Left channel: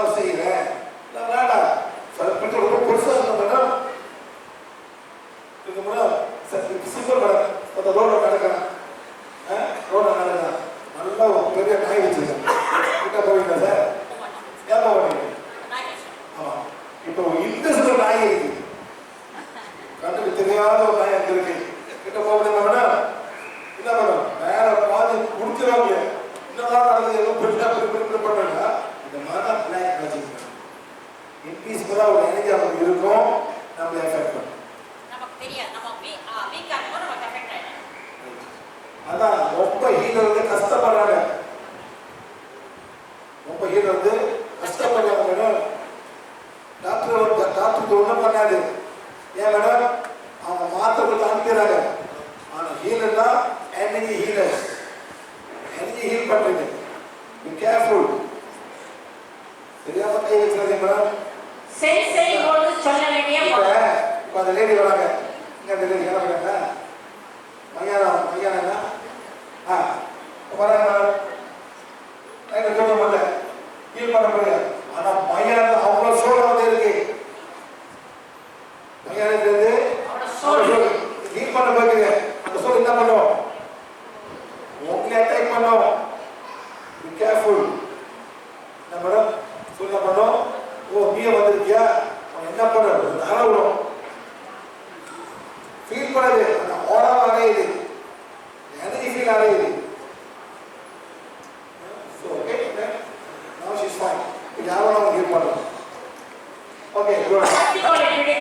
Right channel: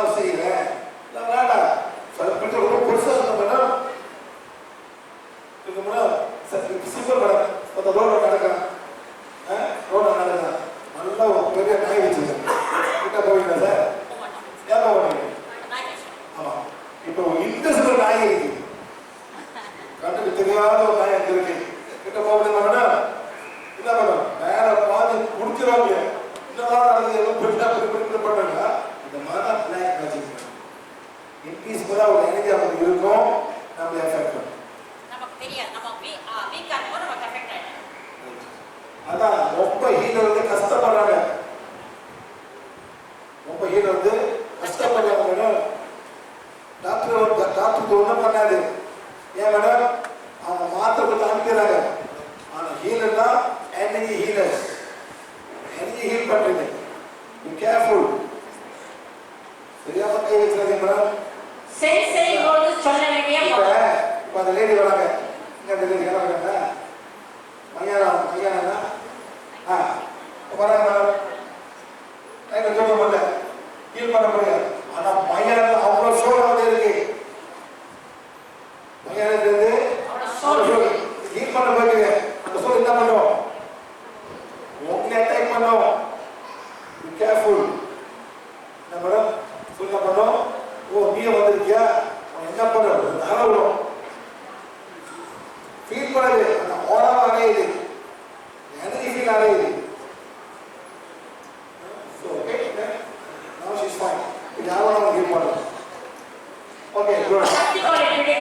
நான் செய்யறேன் நான் வேண்டாம் சார் பெருசாக இருந்த மேடம் இதுக்கு மேடம் அந்த நல்லா ஒரு பெரிய நாய் வச்சுருக்கேன் கிட்ட போவீங்களா சார் ஏன் போவீங்க ஆமாம் இப்போ நாய் இருக்கு கண்ணுக்கு தெரியாத ஒரு நாய் அங்கே இருக்கு கிட்ட போவீங்களா மேடம் என்ன மேடம் வேற பாதி முடிச்சிடாம என்னதான் நடக்குது ஏதோ பெருசா பண்ணுங்க இந்த மாதிரி பிளான் வச்சுக்கணும் இன்க்ரீஸ் ஒரு எனர்ஜி அவங்களுக்கு இருக்கும் நம்ம எஃபெக்ட் பண்ணும் அதான் ரொம்ப ஹீலர் வந்து கஷ்டப்படுறாங்க. ரொம்ப ஹீலர் வந்து கஷ்டப்படுறாங்க மேடம் டாக்டர் டாக்டருக்கு ஒன்றும் பண்ணாது. ஏன் மேடம் அவங்க மாத்திரை கொடுத்து அனுப்பிடுறாங்க. ஆனால் ஹீலர்னா எனர்ஜி ஹீலர் எனர்ஜி ஹீல் பண்ணுறது பி கேர்ஃபுல் தெரியாம கை வச்சுக்காதீங்க மேடம் சரி சரி போது சொல்ல வேண்டிய இப்ப இப்ப அந்த லேடி வராங்க. இங்க அந்த லேடி வராங்க மலையாளம் மலையாளம் ஆ வராங்க மேடம். லைட்டை சொல்ல முடியல ஹீல் பண்ண முடியாது ஆனா மலையாளம் அவ்வளோ சோழ வந்து இருக்கு. சோறு ஹீல் பண்ண அந்த என்ன பண்ணும்? உங்களை அட்டாக் பண்ணும். என்ன பண்ணுறது தாராளம் ஃபீல் பண்ணது அந்த ஓரம் அடையுது எனர்ஜி ஃபீல் அடையுது ஓகே நோ ஷீஸ் ஃபைன் இது ஆவணம் ஃபீல் பண்ணுறோம் ஓகே குட்